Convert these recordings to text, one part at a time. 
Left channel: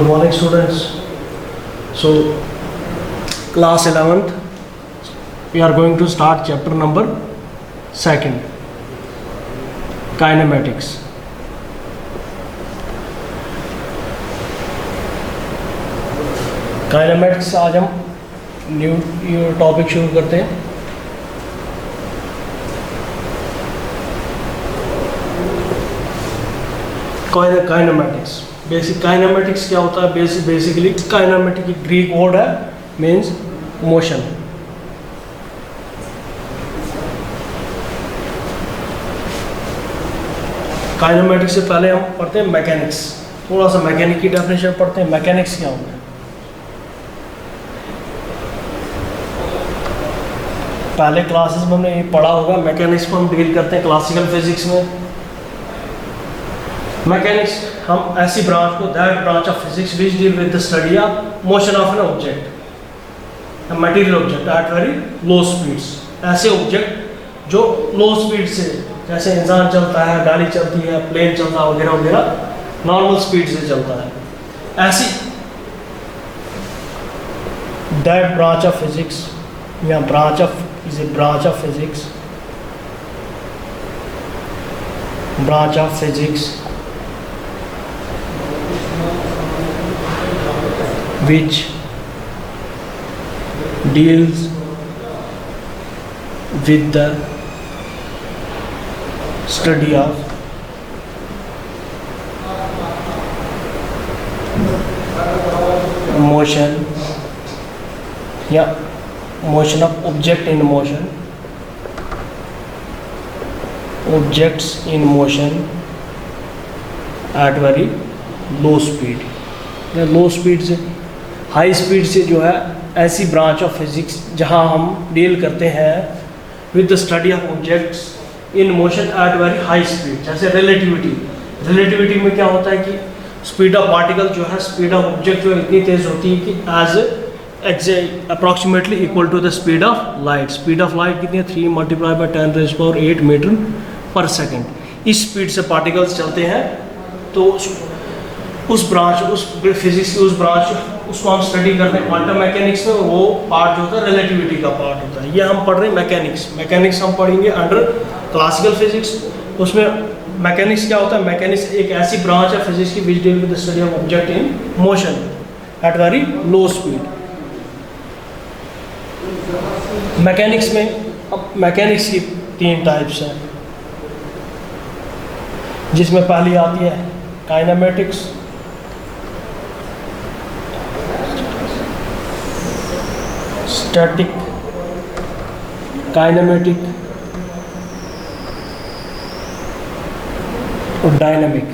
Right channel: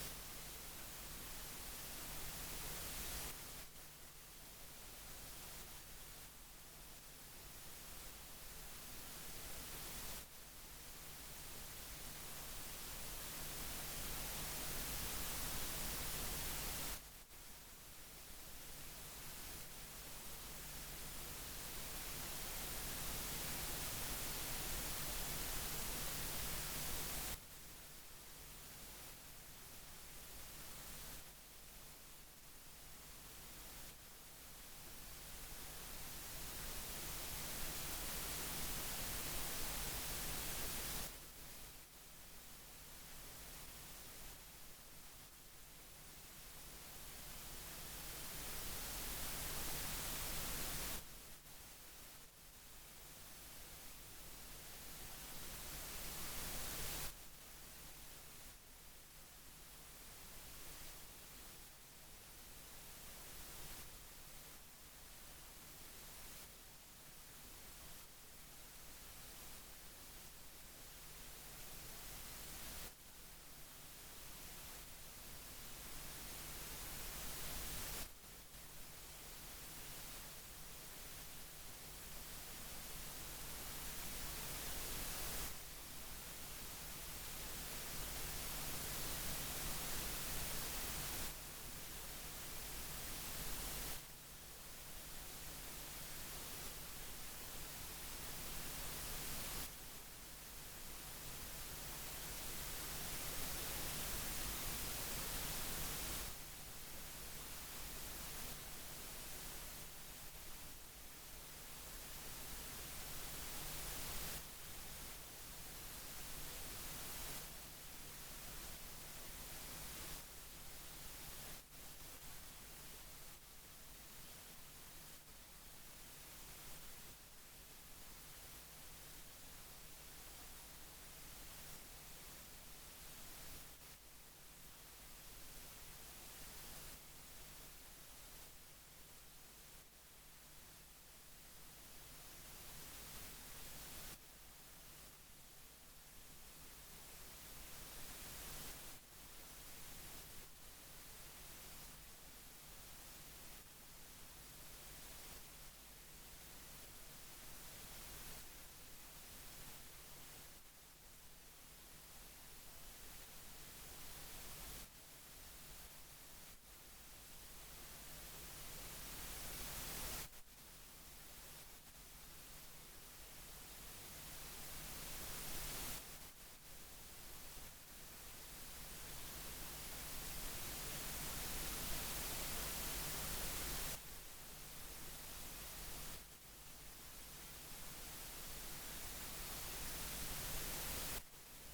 Good morning, students. So, class 11th, we are going to start chapter number 2, kinematics. Kinematics आज हम new topic शुरू करते हैं. Kinematics. Basic kinematics क्या होता है? बेसिकली काइनेमेटिक एक ग्रीक वर्ड है, मीन्स मोशन. काइनेमेटिक्स से पहले हम पढ़ते हैं मैकेनिक्स. थोड़ा सा मैकेनिक की डेफिनेशन पढ़ते हैं. मैकेनिक्स क्या होता है? पहले क्लासेस में हमने ये पढ़ा होगा. मैकेनिक्स को हम डील करते हैं क्लासिकल फिजिक्स में. मैकेनिक्स हम ऐसी ब्रांच को, that branch of physics which deal with the study of motion of an object, material object at very low speeds. ऐसे ऑब्जेक्ट जो लो स्पीड से, जैसे इंसान चलता है, गाड़ी चलती है, प्लेन चलता है वगैरह वगैरह, नॉर्मल स्पीड से चलता है. ऐसी दैट ब्रांच ऑफ फिजिक्स या branch of is a branch of physics which deals with the study of motion motion of objects in motion at very low speed. Low speed से high speed से जो है, ऐसी branch of physics जहां हम deal करते हैं with the study of objects in motion at very high speed. जैसे रिलेटिविटी में क्या होता है कि स्पीड ऑफ पार्टिकल जो है, स्पीड ऑफ ऑब्जेक्ट जो है इतनी तेज होती है कि as approximately equal to the speed of light. Speed of light कितनी है? 3 × 10⁻⁸ मीटर पर सेकेंड. इस स्पीड से पार्टिकल्स चलते हैं. तो उस ब्रांच, उस फिजिक्स की उस ब्रांच, उसको हम स्टडी करते हैं क्वांटम मैकेनिक्स में. वो पार्ट जो होता है रिलेटिविटी का पार्ट होता है. ये हम पढ़ रहे हैं मैकेनिक्स हम पढ़ेंगे अंडर क्लासिकल फिजिक्स. उसमें मैकेनिक्स क्या होता है? मैकेनिक्स एक ऐसी ब्रांच है फिजिक्स की which deal with the study of object in motion at very low speed. Mechanics में, अब मैकेनिक्स की 3 टाइप्स हैं, जिसमें पहली आती है काइनेमेटिक्स, स्टैटिक, काइनेमेटिक और डायनामिक.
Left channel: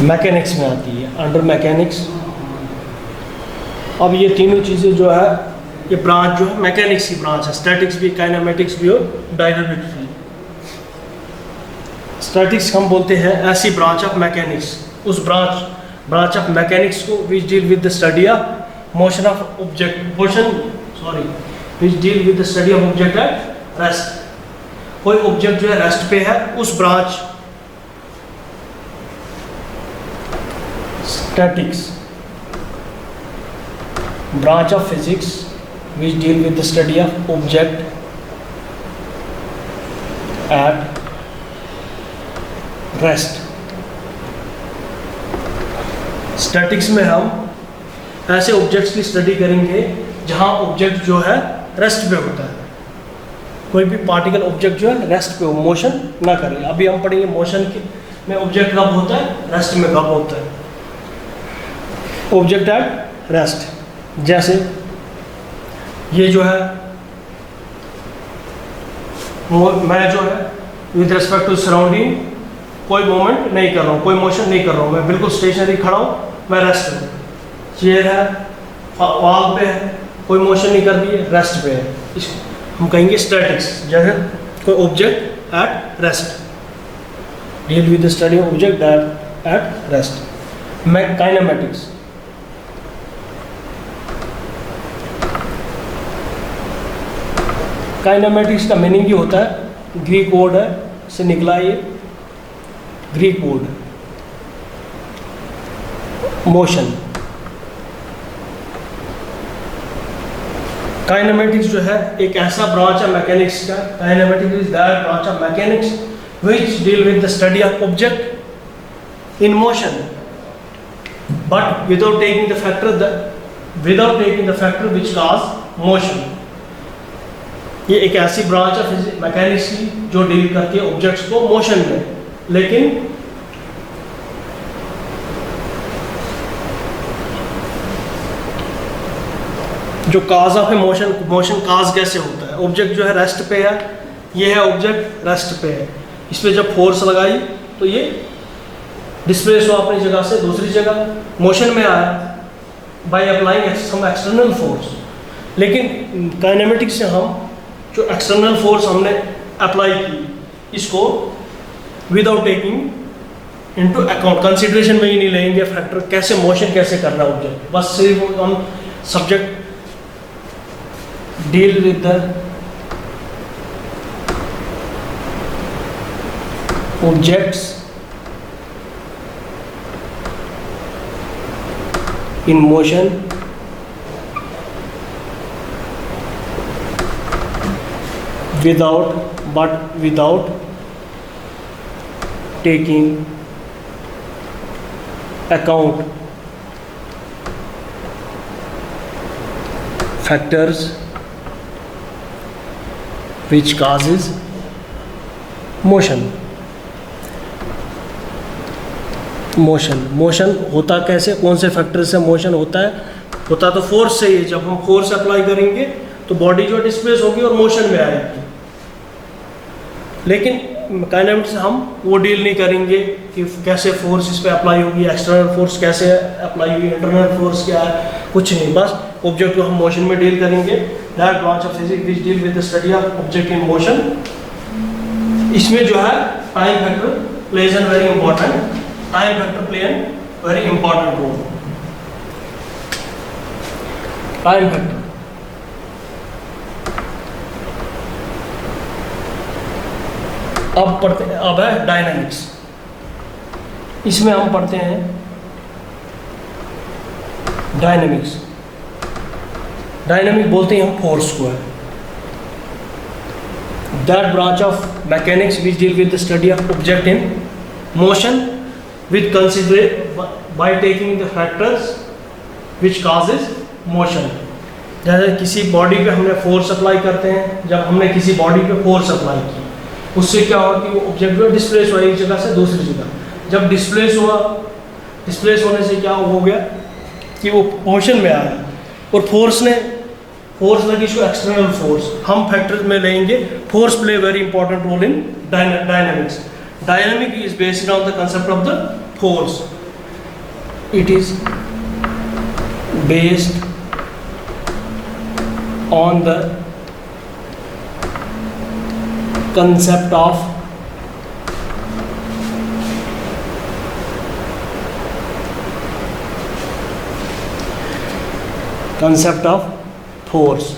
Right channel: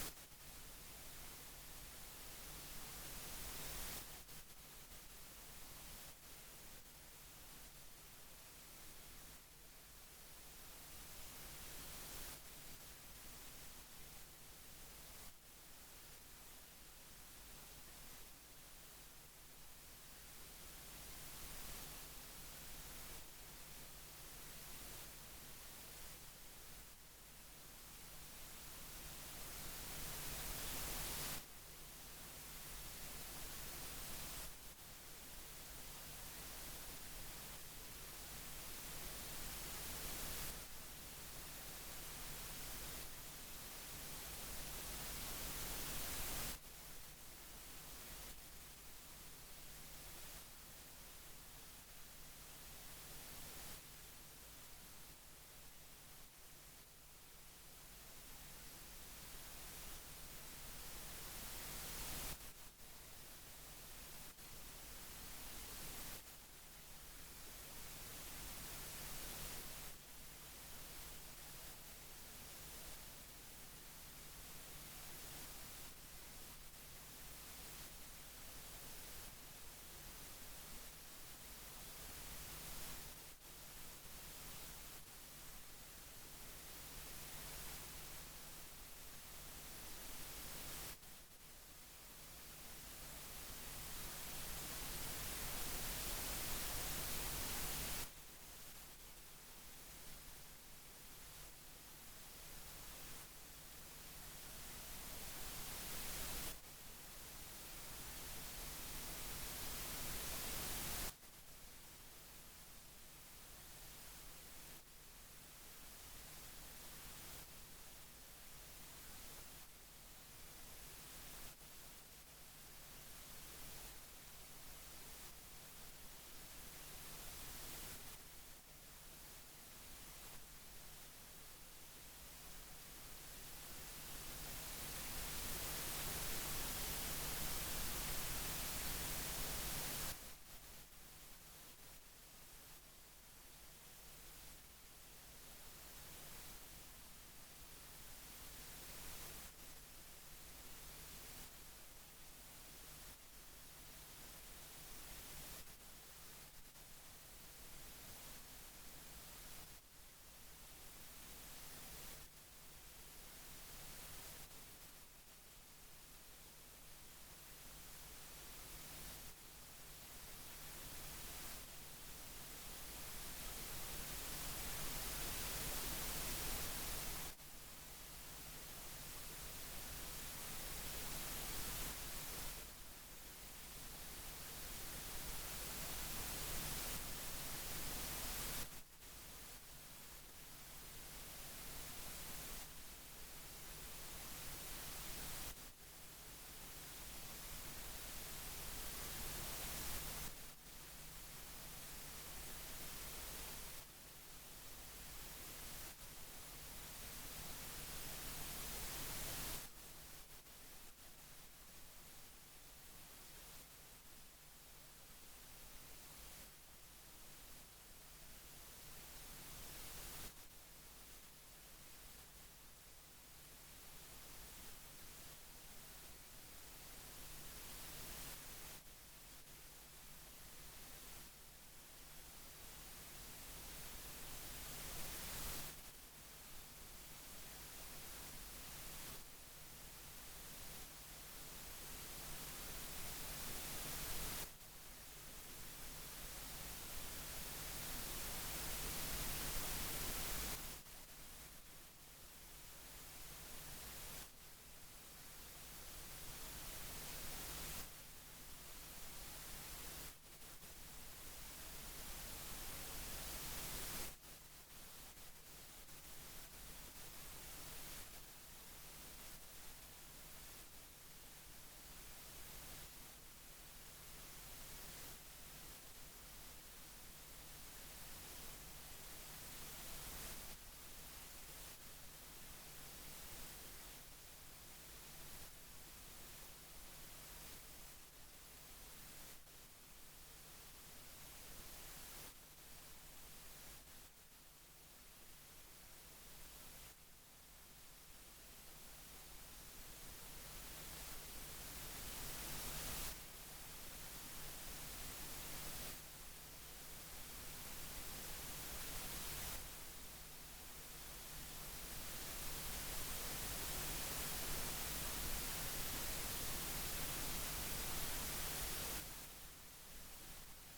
मैकेनिक्स में आती है अंडर मैकेनिक्स. अब ये तीनों चीज़ें जो है, ये ब्रांच जो है मैकेनिक्स की ब्रांच है. स्टैटिक्स भी, काइनेमेटिक्स भी और डायनामिक्स भी. स्टैटिक्स हम बोलते हैं ऐसी ब्रांच ऑफ मैकेनिक्स, उस ब्रांच ऑफ मैकेनिक्स को विच deal with the study of motion of object, which deal with the study of object at rest. कोई ऑब्जेक्ट जो है रेस्ट पे है, उस branch statics, branch of physics which deal with the study of object at rest. Statics में हम ऐसे objects की स्टडी करेंगे जहां ऑब्जेक्ट जो है रेस्ट पे होता है. कोई भी पार्टिकल ऑब्जेक्ट जो है रेस्ट पे हो, मोशन ना करे. अभी हम पढ़ेंगे मोशन में ऑब्जेक्ट कब होता है, रेस्ट में कब होता है. ऑब्जेक्ट एट रेस्ट, जैसे ये जो है, मैं जो है विद रिस्पेक्ट टू सराउंडिंग कोई मूवमेंट नहीं कर रहा हूँ, कोई मोशन नहीं कर रहा हूँ, मैं बिल्कुल स्टेशनरी खड़ा हूँ, मैं रेस्ट पे हूँ. चेयर है, वॉल पे है, कोई मोशन नहीं कर रही है, रेस्ट पे है. इसको हम कहेंगे स्टैटिक्स. जैसे कोई object at rest, deal with the study of object at rest. Kinematics kinematics का मीनिंग ये होता है, ग्रीक वर्ड है, से निकला ये ग्रीक वर्ड मोशन। काइनेमेटिक्स जो है एक ऐसा ब्रांच है मैकेनिक्स का, kinematics is that branch of mechanics which deal with the study of object in motion, but without taking the factor which cause motion। ये एक ऐसी ब्रांच है मैकेनिक्स की जो डील करती है ऑब्जेक्ट्स को मोशन में, लेकिन जो काज ऑफ मोशन, मोशन काज कैसे होता है। ऑब्जेक्ट जो है रेस्ट पे है, ये है ऑब्जेक्ट रेस्ट पे है, इस पर जब फोर्स लगाई तो ये डिस्प्लेस हुआ अपनी जगह से दूसरी जगह, मोशन में आया by applying some external force. लेकिन काइनेमेटिक्स से हम जो एक्सटर्नल फोर्स हमने अप्लाई की, इसको without taking into account, consideration में ही नहीं लेंगे फैक्टर, कैसे मोशन कैसे करना ऑब्जेक्ट, बस सिर्फ हम subject deal with the objects in motion without taking account factors which causes motion। Motion होता कैसे, कौन से फैक्टर से मोशन होता है? होता तो फोर्स से ही। जब हम फोर्स अप्लाई करेंगे तो बॉडी जो डिस्प्लेस होगी और मोशन में आएगी। लेकिन काइनेमेटिक्स से हम वो डील नहीं करेंगे कि कैसे फोर्स इस पर अप्लाई होगी, एक्सटर्नल फोर्स कैसे अप्लाई होगी, इंटरनल फोर्स क्या है, कुछ नहीं, बस ऑब्जेक्ट को हम मोशन में डील करेंगे। That branch of physics which deal with the study of object in motion. इसमें जो है time factor plays an very important, time factor play a very important role। Time factor अब पढ़ते हैं, अब है डायनामिक्स। इसमें हम पढ़ते हैं डायनामिक्स। डायनामिक बोलते हैं हम फोर्स को है। That branch of mechanics which deal with the study of object in motion with consider by taking the factors which causes motion। जैसे किसी बॉडी पे हमने फोर्स अप्लाई करते हैं, जब हमने किसी बॉडी पे फोर्स अप्लाई की, उससे क्या हुआ कि वो ऑब्जेक्ट जो डिस्प्लेस हुआ एक जगह से दूसरी जगह। जब डिस्प्लेस हुआ, डिस्प्लेस होने से क्या हो गया कि वो मोशन में आया, और फोर्स लगी जो एक्सटर्नल फोर्स, हम फैक्टर में लेंगे। Force play very important role in dynamics. Dynamic is based on the concept of the force. It is based on the concept of force।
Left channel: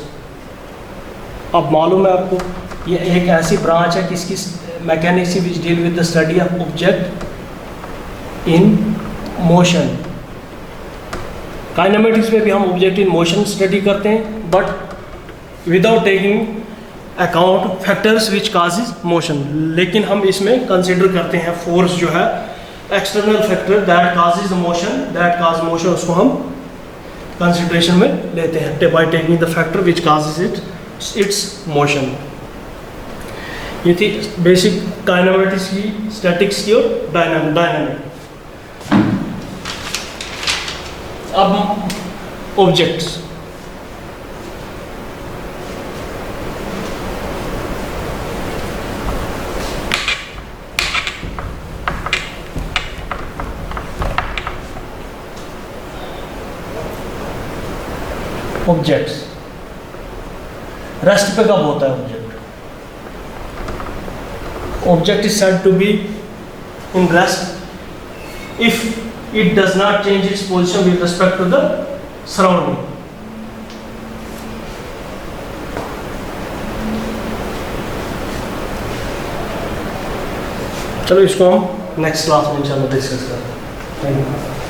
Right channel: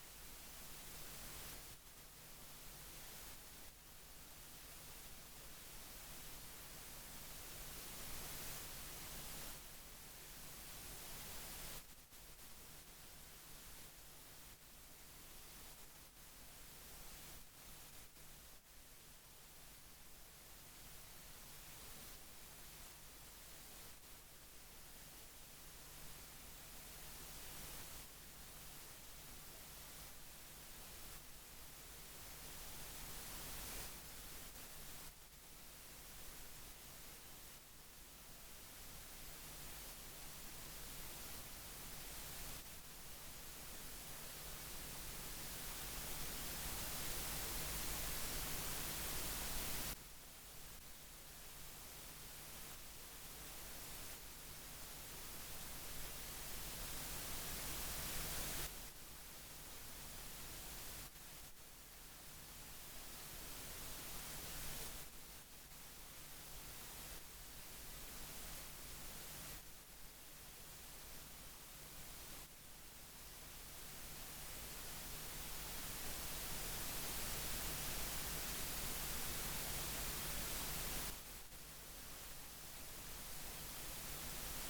अब मालूम है आपको, ये एक ऐसी ब्रांच है किसकी, mechanics which deal with the study of object in motion. Kinematics में भी हम ऑब्जेक्ट इन मोशन स्टडी करते हैं, but without taking account factors which causes motion. लेकिन हम इसमें कंसिडर करते हैं फोर्स जो है external factor that causes motion, that cause motion, उसको हम कंसिडरेशन में लेते हैं by taking the factor which causes it's motion. ये थी बेसिक काइनेमेटिक्स की, स्टैटिक्स की और डायनामिक। अब ऑब्जेक्ट्स, ऑब्जेक्ट्स रेस्ट पे कब होता है object? Object is said to be in rest if it does not change its position with respect to the surrounding। चलो इसको हम नेक्स्ट क्लास में इंशाल्लाह डिस्कस करते हैं। Thank you.